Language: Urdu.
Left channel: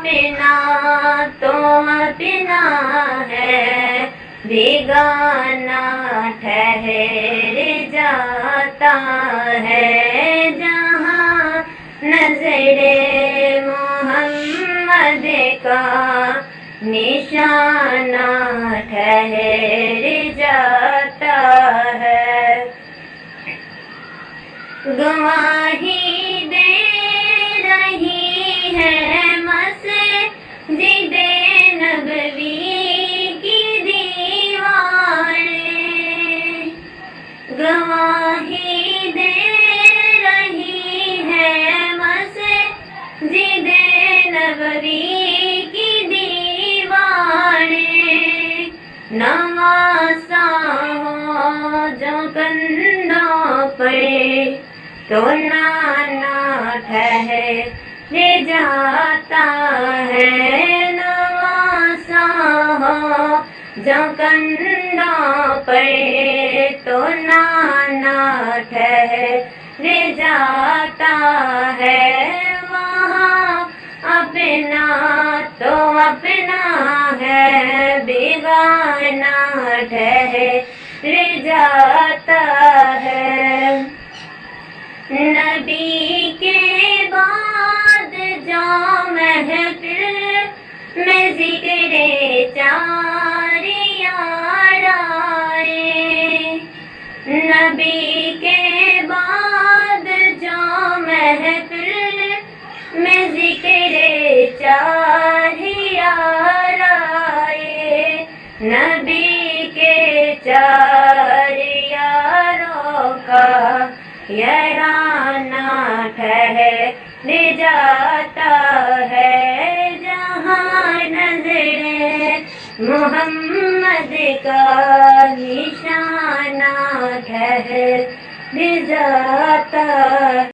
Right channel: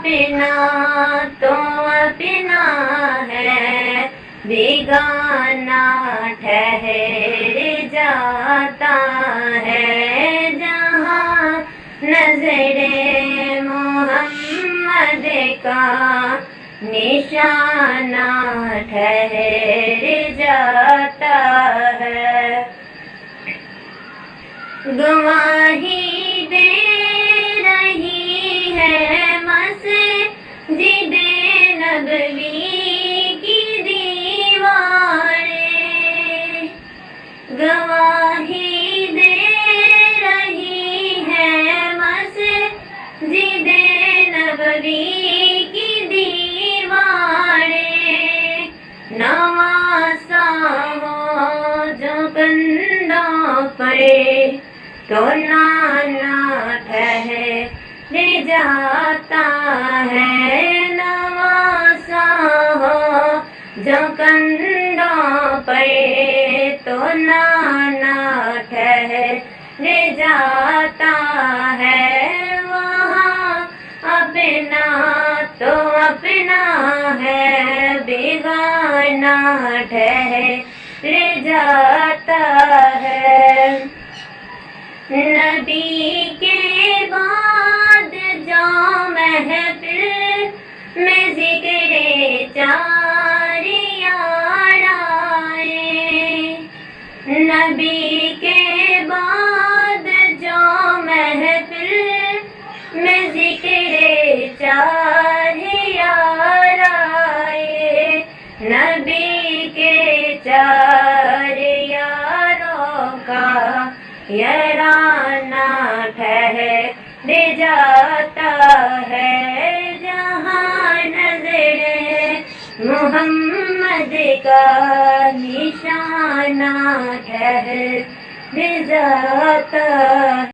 اپنا تو اپنا ہے، بیگانہ ٹھہر جاتا ہے، جہاں نظر محمد کا نشانہ ٹھہر جاتا ہے۔ گواہی دے رہی ہے مسجد نبوی کی دیواریں، گواہی دے رہی ہے مسجد نبوی کی دیواریں، نواسا ہو جو کندھوں پڑے تو نانا ٹھہر جاتا ہے، نواسا ہو جو کندھوں پڑے تو نانا ٹھہر جاتا ہے، وہاں اپنا تو اپنا ہے، بیگانہ ٹھہر جاتا ہے۔ نبی کے بعد جو محفل میں ذکر چار یار آئے، نبی کے بعد جو محفل میں ذکر چار یار آئے، نبی کے چار یاروں کا یارانہ ٹھہر جاتا ہے، جہاں نظر محمد کا نشانہ ٹھہر جاتا ہے۔